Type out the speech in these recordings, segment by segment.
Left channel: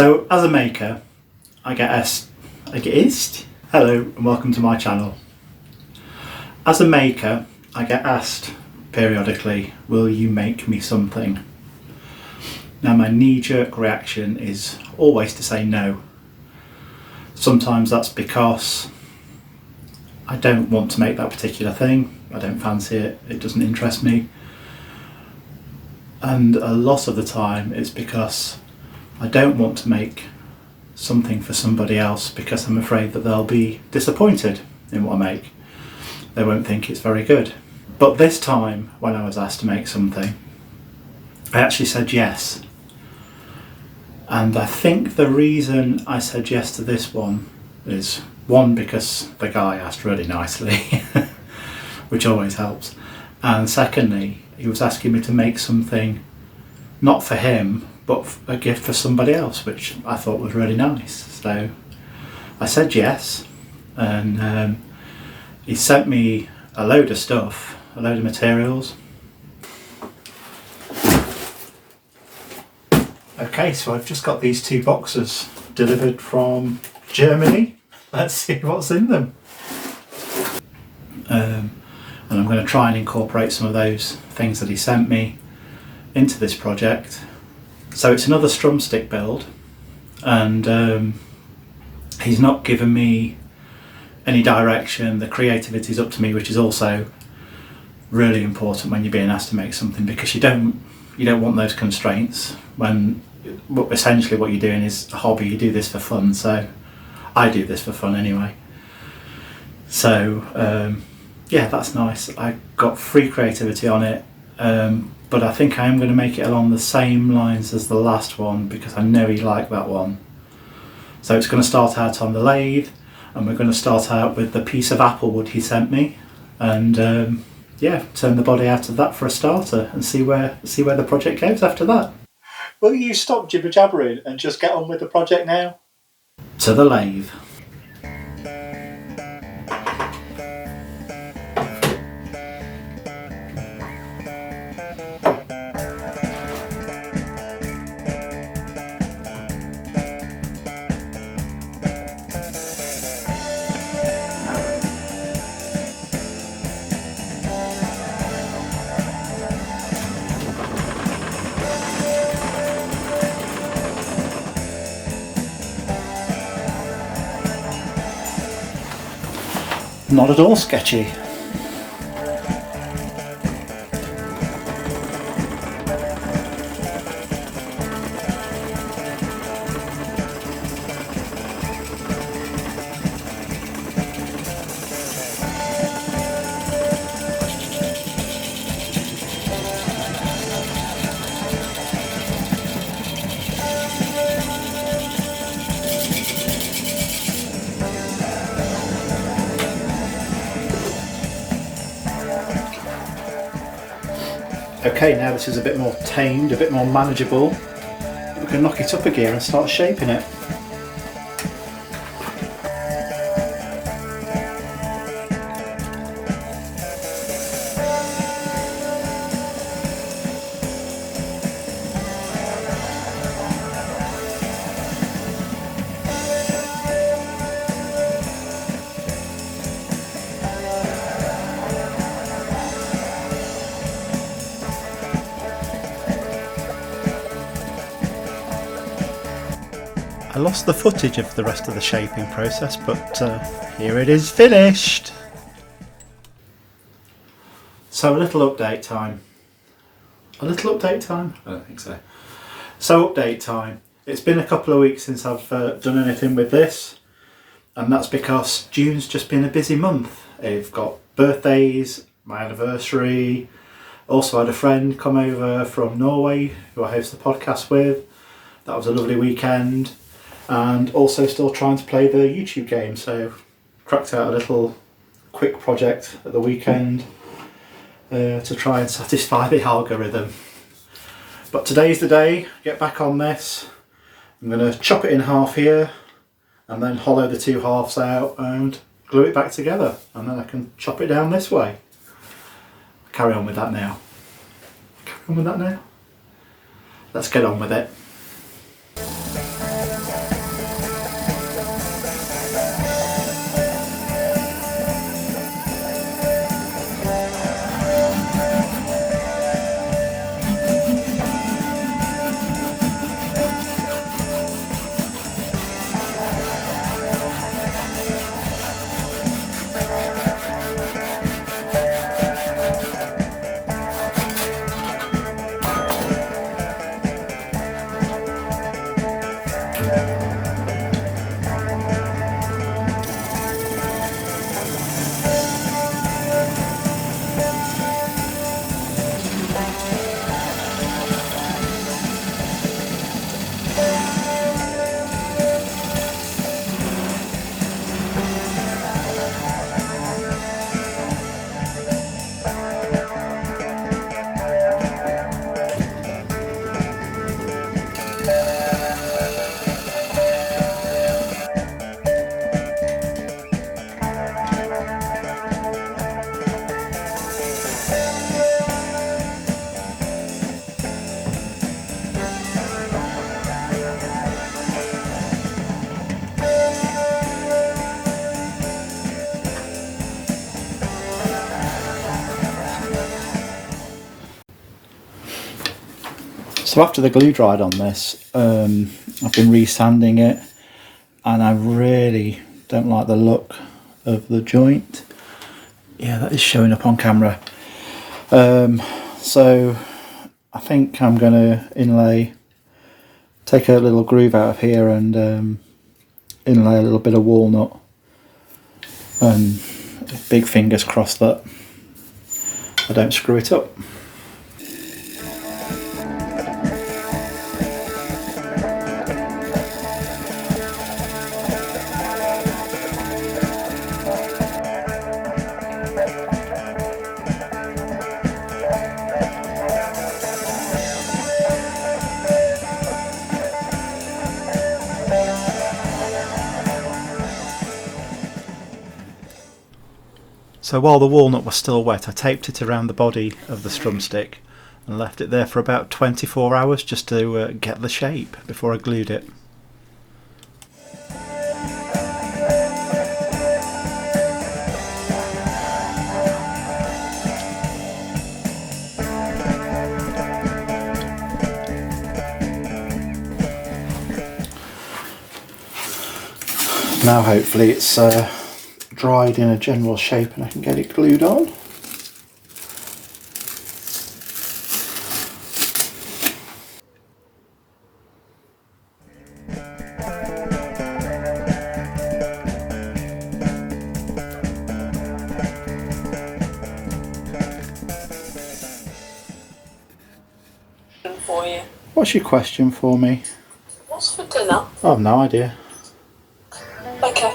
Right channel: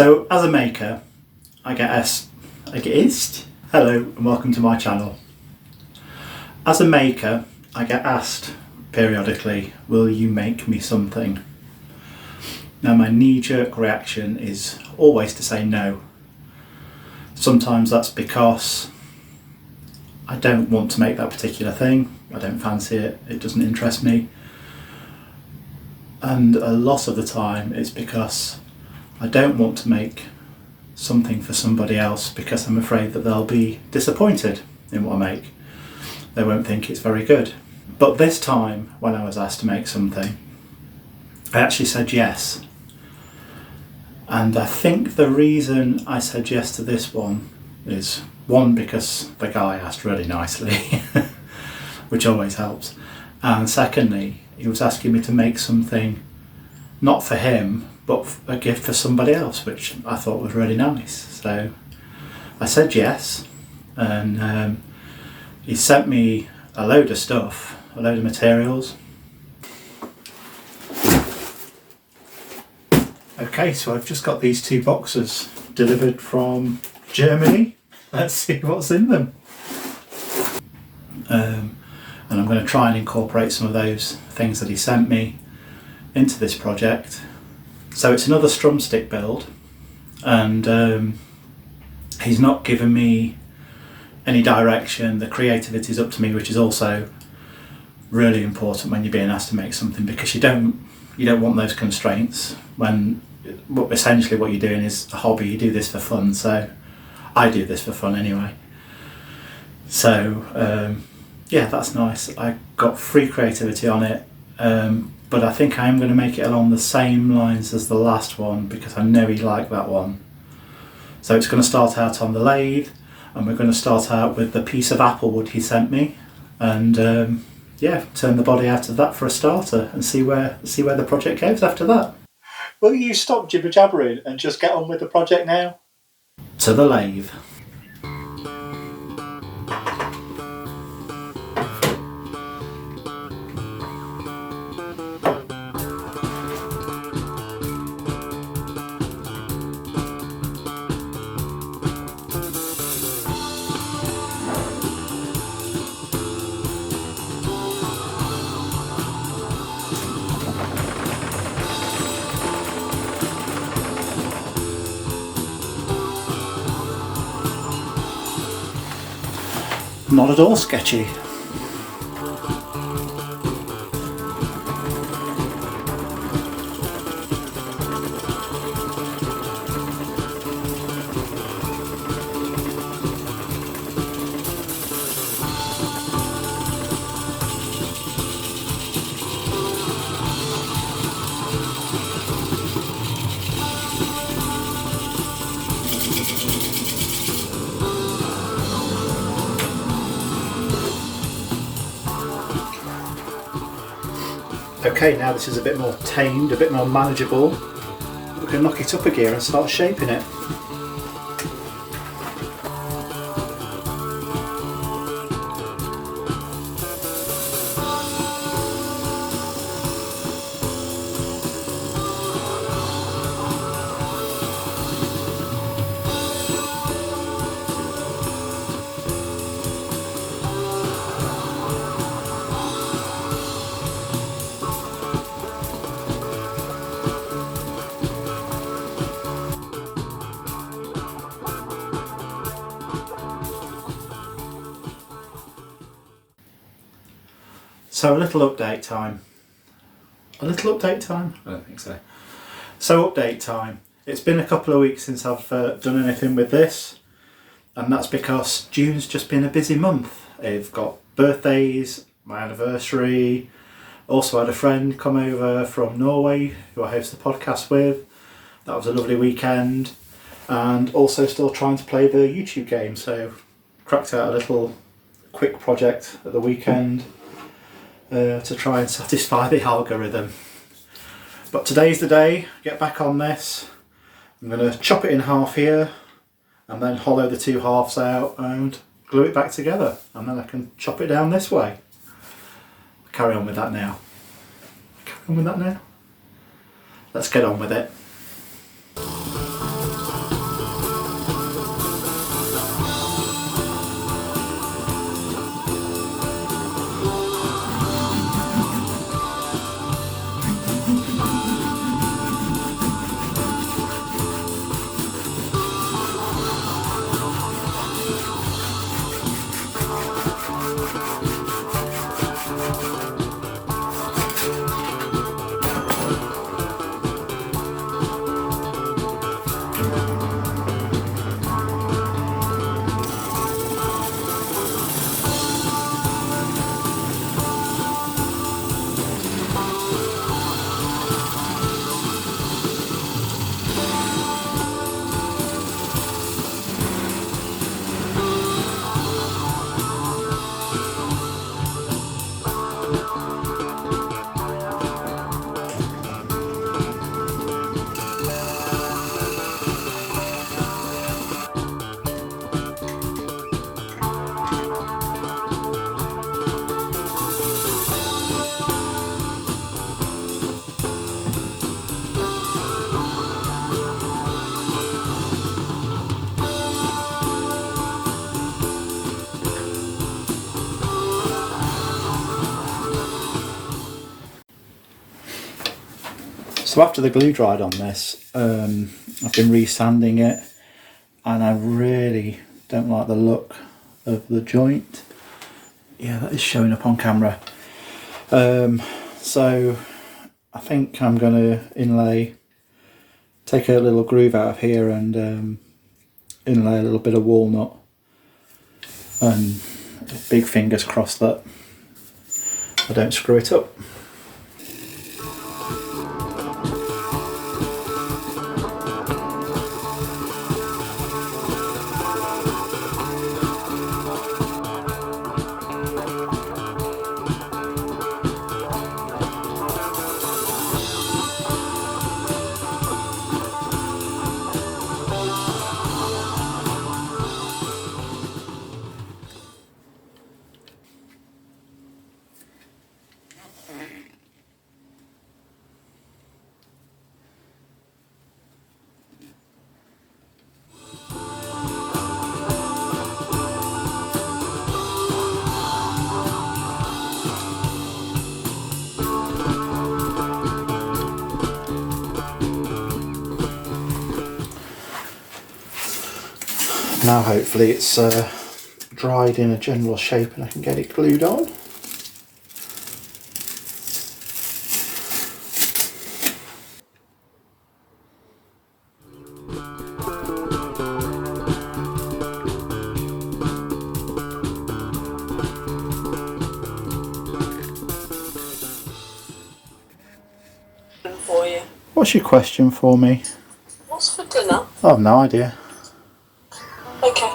So as a maker, I get asked, hello and welcome to my channel. As a maker, I get asked periodically, will you make me something? Now my knee-jerk reaction is always to say no. Sometimes that's because I don't want to make that particular thing, I don't fancy it, it doesn't interest me. And a lot of the time it's because I don't want to make something for somebody else because I'm afraid that they'll be disappointed in what I make. They won't think it's very good. But this time, when I was asked to make something, I actually said yes. And I think the reason I said yes to this one is, one, because the guy asked really nicely, which always helps. And secondly, he was asking me to make something not for him, but a gift for somebody else, which I thought was really nice. So I said yes, and he sent me a load of stuff, a load of materials. Okay, so I've just got these two boxes delivered from Germany. Let's see what's in them. And I'm going to try and incorporate some of those things that he sent me into this project. So it's another strumstick build, and he's not given me any direction. The creativity is up to me, which is also really important when you're being asked to make something, because you don't want those constraints when essentially what you're doing is a hobby. You do this for fun, so I do this for fun anyway. So yeah, that's nice. I got free creativity on it, but I think I am going to make it along the same lines as the last one because I know he liked that one. So it's going to start out on the lathe, and we're going to start out with the piece of apple wood he sent me, and yeah, turn the body out of that for a starter and see where the project goes after that. Will you stop jibber jabbering and just get on with the project now? To the lathe. Not at all sketchy. Okay, now this is a bit more tamed, a bit more manageable. We can knock it up a gear and start shaping it. I lost the footage of the rest of the shaping process, but here it is finished. So a little update time. A little update time? I don't think so. So update time. It's been a couple of weeks since I've done anything with this, and that's because June's just been a busy month. I've got birthdays, my anniversary, also had a friend come over from Norway who I host the podcast with. That was a lovely weekend. And also still trying to play the YouTube game, so cracked out a little quick project at the weekend to try and satisfy the algorithm. But today's the day, get back on this. I'm going to chop it in half here and then hollow the two halves out and glue it back together, and then I can chop it down this way. Carry on with that now. Let's get on with it. So after the glue dried on this, I've been resanding it, and I really don't like the look of the joint. Yeah, that is showing up on camera. So I think I'm going to inlay, take a little groove out of here and inlay a little bit of walnut, and big fingers crossed that I don't screw it up. So while the walnut was still wet, I taped it around the body of the strumstick and left it there for about 24 hours just to get the shape before I glued it. Now hopefully it's dried in a general shape and I can get it glued on. For you. What's your question for me? What's for dinner? I have no idea. Okay.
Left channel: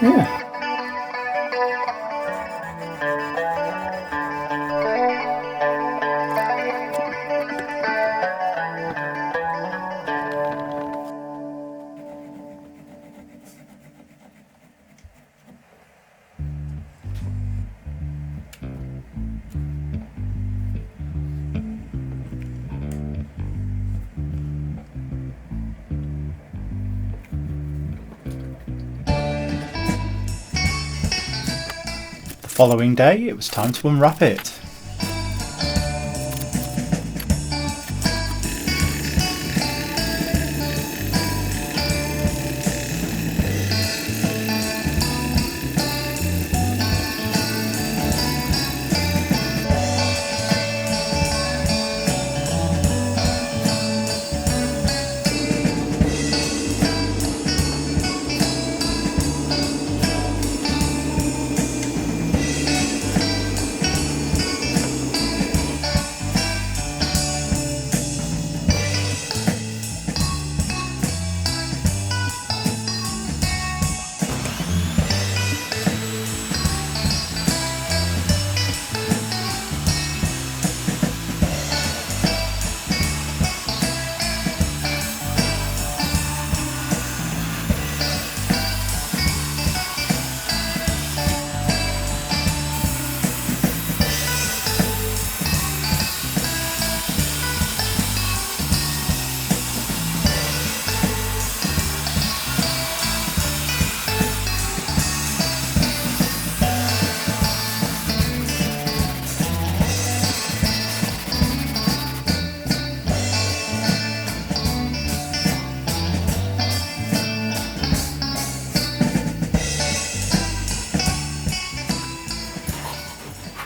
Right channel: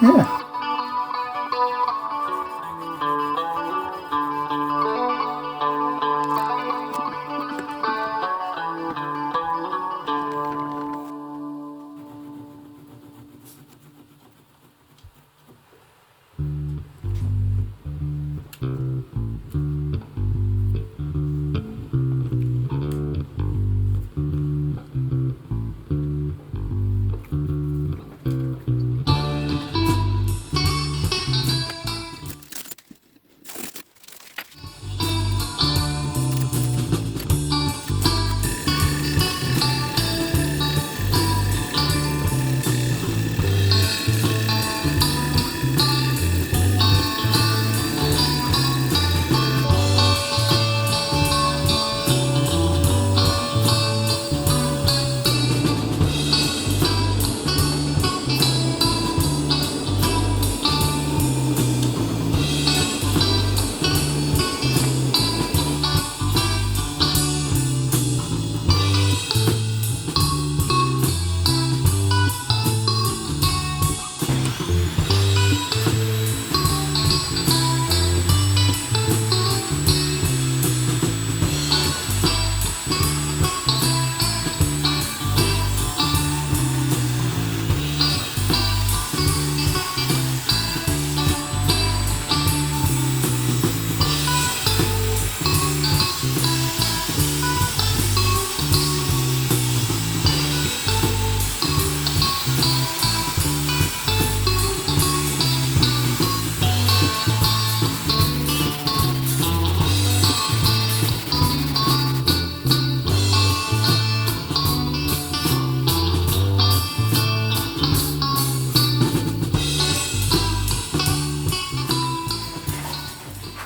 Yeah. The following day, it was time to unwrap it.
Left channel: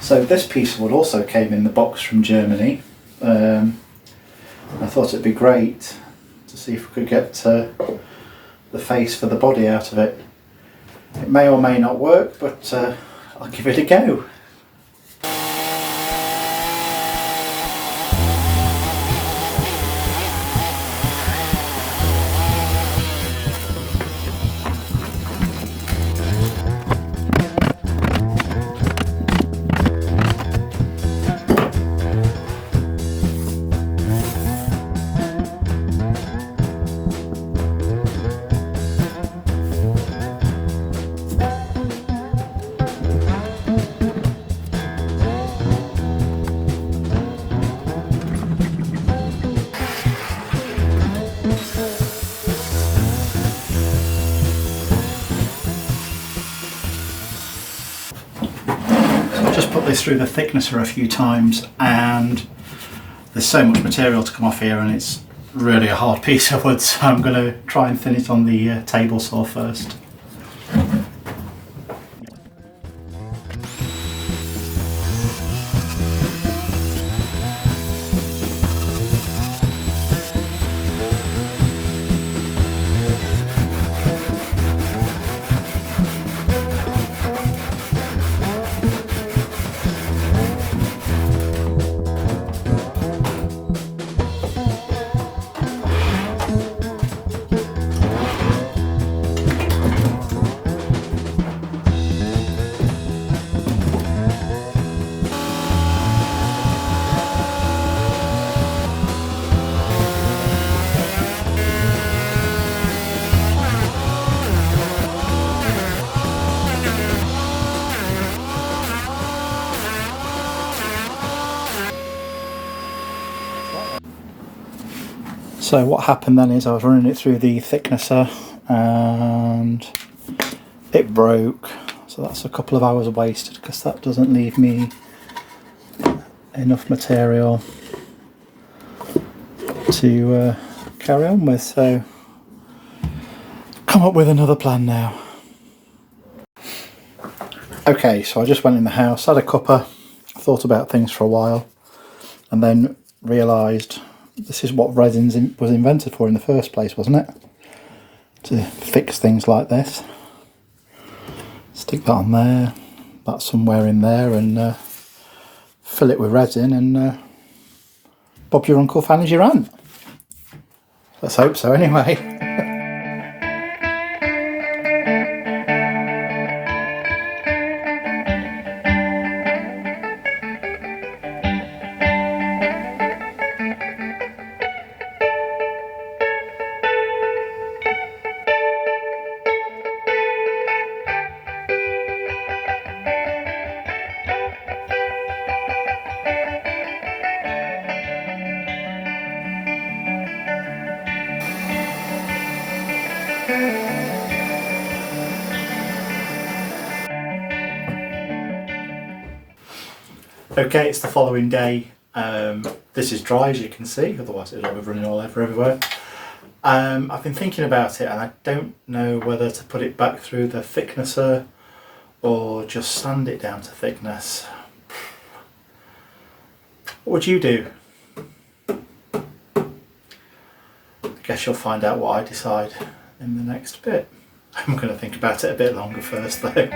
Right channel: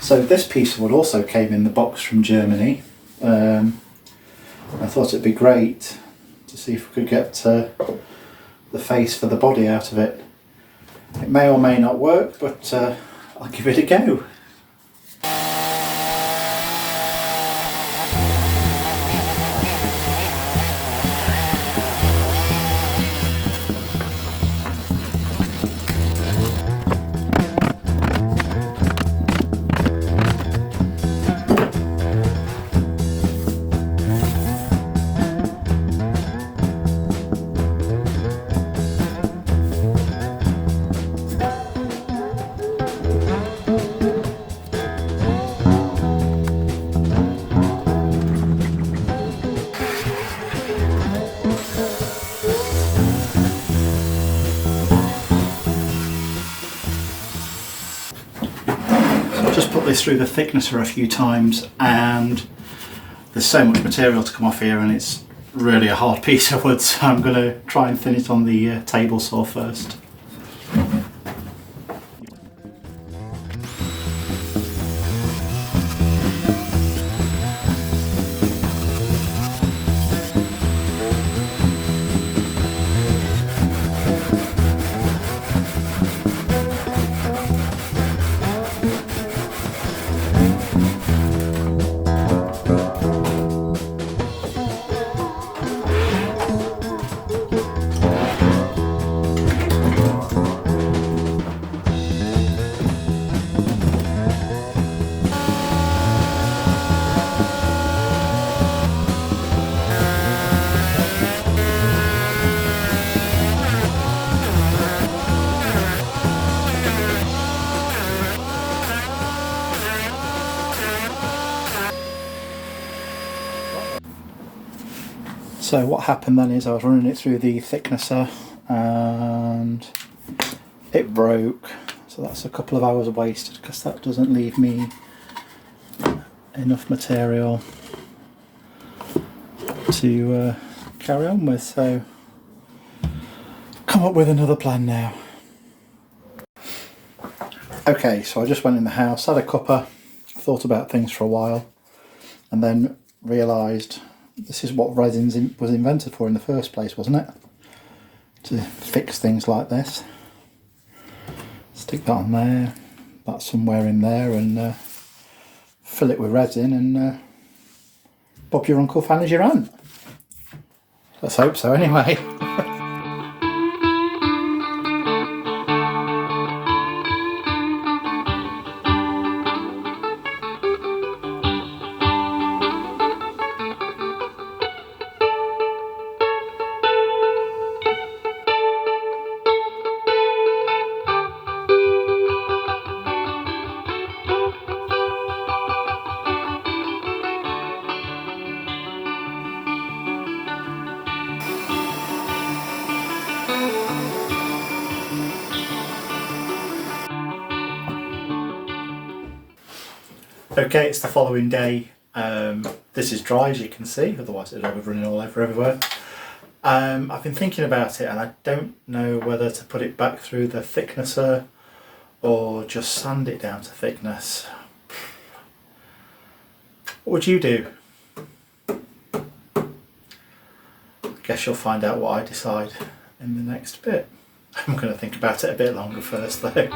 So this piece of wood also came in the box from Germany. I thought it'd be great to see if we could get the face for the body out of it. It may or may not work, but I'll give it a go. Just put this through the thicknesser a few times and there's so much material to come off here and it's really a hard piece of wood, so I'm going to try and thin it on the table saw first. So what happened then is I was running it through the thicknesser and it broke, so that's a couple of hours wasted because that doesn't leave me enough material to carry on with, so come up with another plan now. Okay, so I just went in the house, had a cuppa, thought about things for a while and then realised this is what resin was invented for in the first place, wasn't it? To fix things like this. Stick that on there, that somewhere in there, and fill it with resin, and Bob your uncle fan as your aunt. Let's hope so anyway. Okay, it's the following day. This is dry as you can see, otherwise it'll be running all over everywhere. I've been thinking about it and I don't know whether to put it back through the thicknesser or just sand it down to thickness. What would you do? I guess you'll find out what I decide in the next bit. I'm going to think about it a bit longer first though.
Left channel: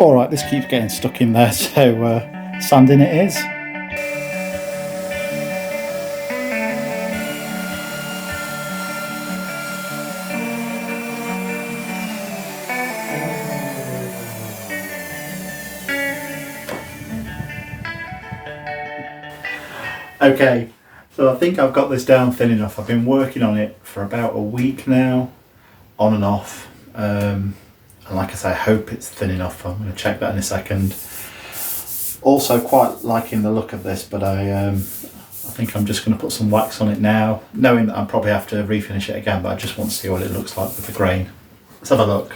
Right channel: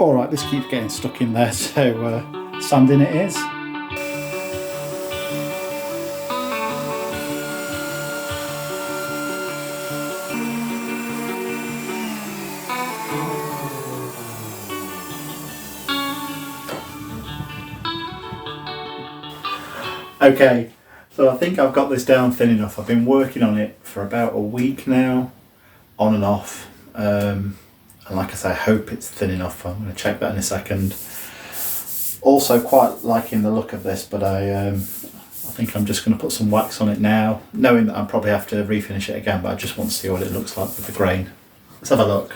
Alright, this keeps getting stuck in there, so sanding it is. Okay, so I think I've got this down thin enough. I've been working on it for about a week now, on and off. And like I say, I hope it's thin enough. I'm going to check that in a second. Also quite liking the look of this, but I think I'm just going to put some wax on it now, knowing that I'll probably have to refinish it again, but I just want to see what it looks like with the grain. Let's have a look.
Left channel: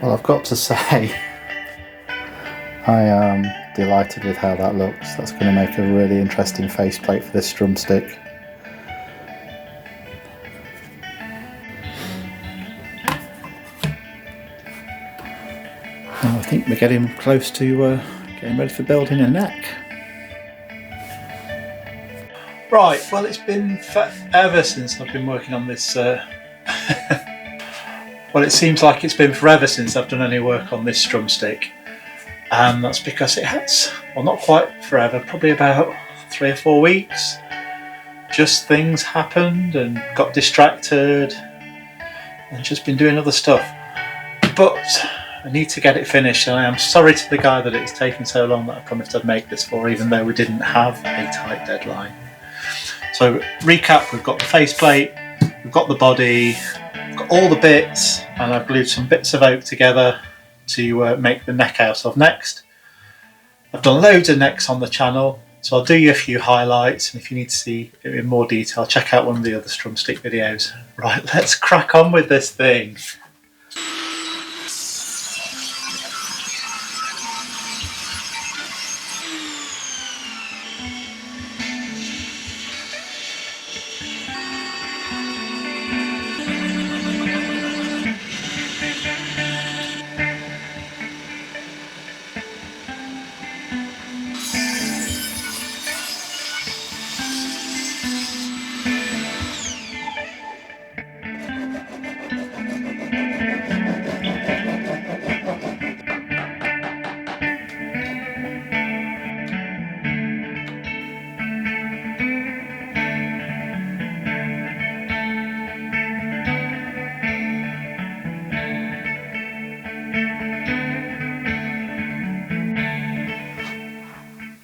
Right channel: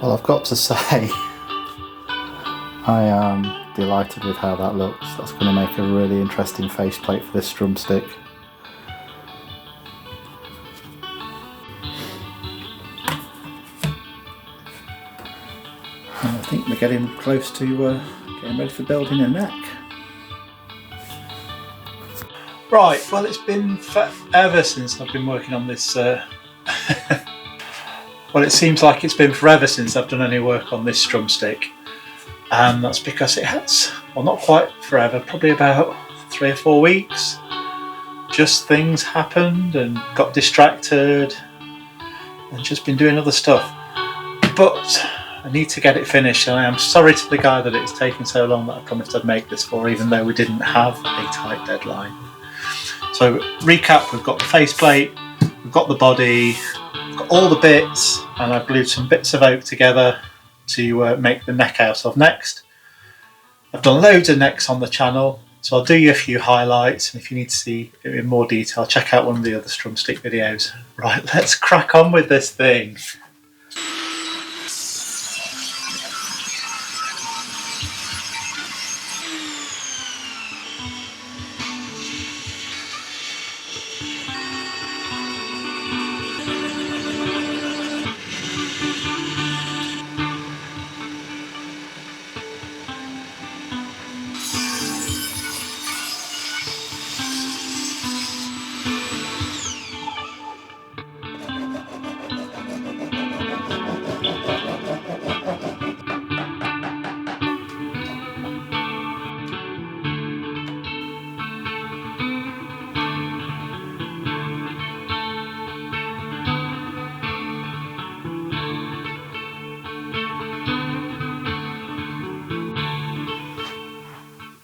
Well, I've got to say, I am delighted with how that looks. That's going to make a really interesting faceplate for this strumstick. And I think we're getting close to getting ready for building a neck. Right, well, it's been forever since I've been working on this. Well, it seems like it's been forever since I've done any work on this strumstick. And that's because it has, well, not quite forever, probably about 3 or 4 weeks. Just things happened and got distracted and just been doing other stuff. But I need to get it finished, and I am sorry to the guy that it's taken so long that I promised I'd make this for, even though we didn't have a tight deadline. So recap, we've got the faceplate, we've got the body, we've got all the bits, and I've glued some bits of oak together to make the neck out of next. I've done loads of necks on the channel, so I'll do you a few highlights, and if you need to see it in more detail, check out one of the other strumstick videos. Right, let's crack on with this thing.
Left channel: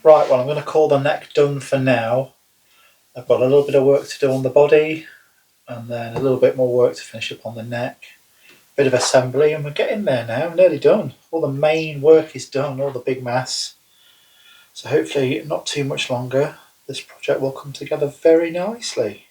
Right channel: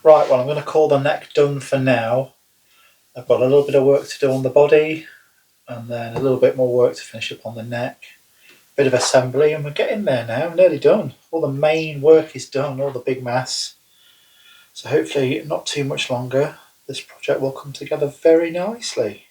Right, well, I'm going to call the neck done for now. I've got a little bit of work to do on the body, and then a little bit more work to finish up on the neck. Bit of assembly, and we're getting there now, nearly done. All the main work is done, all the big mass. So hopefully not too much longer, this project will come together very nicely.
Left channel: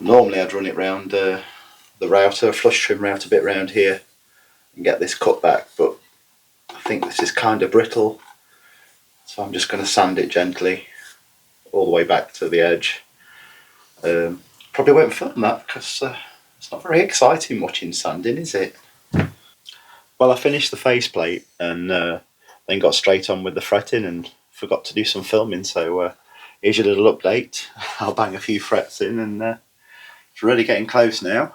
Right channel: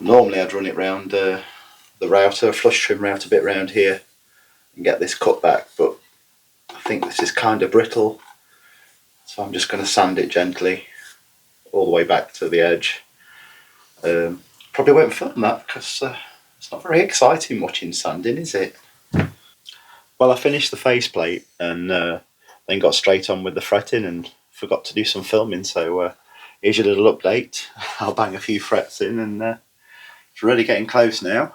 Normally I'd run it round the router, flush trim router bit round here and get this cut back, but I think this is kind of brittle, so I'm just going to sand it gently all the way back to the edge. Probably won't film that because it's not very exciting watching sanding, is it? Well, I finished the faceplate and then got straight on with the fretting and forgot to do some filming, so here's your little update. I'll bang a few frets in and it's really getting close now.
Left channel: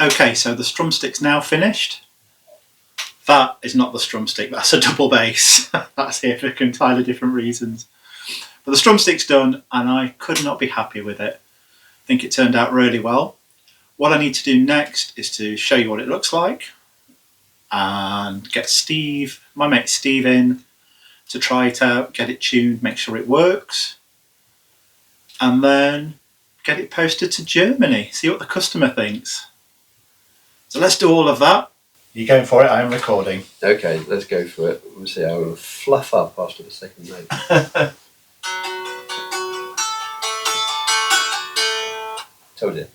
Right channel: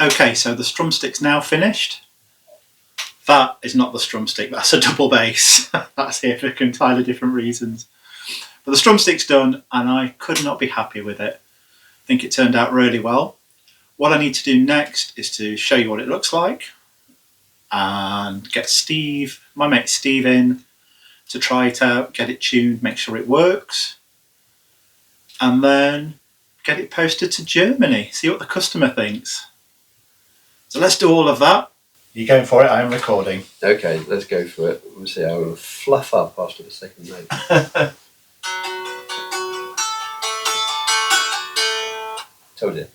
Okay, so the strumstick's now finished. That is not the strumstick, that's a double bass. That's here for entirely different reasons. But the strumstick's done and I could not be happy with it. I think it turned out really well. What I need to do next is to show you what it looks like and get Steve, my mate Steve, in to try it out, get it tuned, make sure it works, and then get it posted to Germany, see what the customer thinks. So let's do all of that. You going for it? I am recording. Okay, let's go for it. We'll see how it'll fluff up after the second note. Told you.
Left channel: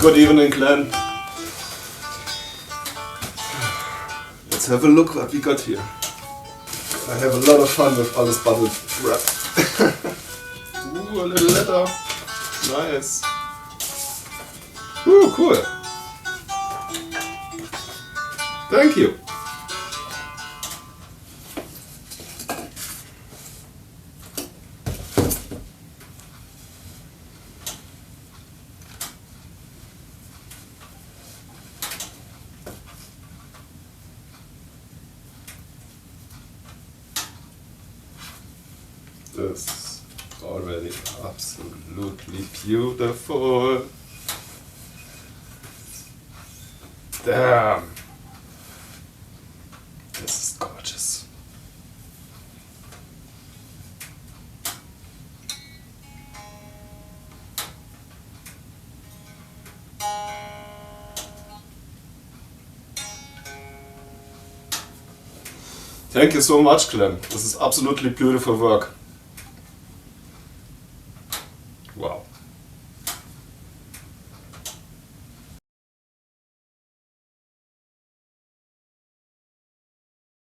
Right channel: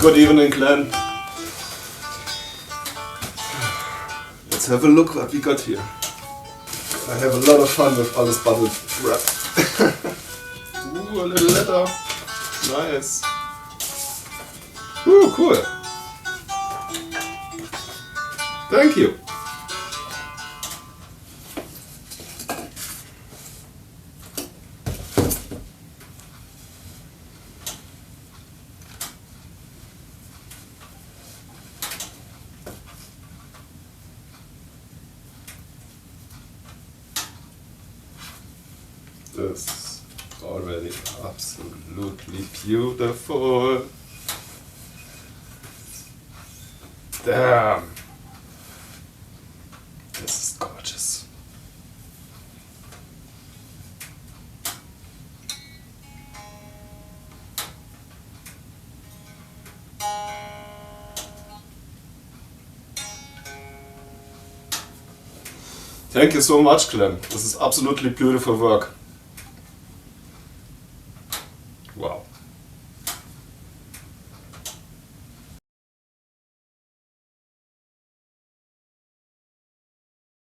Good evening, Glenn. Let's have a look what we got here. I have a lot of fun with all this bubble wrap. Ooh, a little letter. Nice. Ooh, cool. Thank you. This is already absolutely beautiful. Damn. This is gorgeous. Thank you so much, Clem. This is absolutely beautiful work.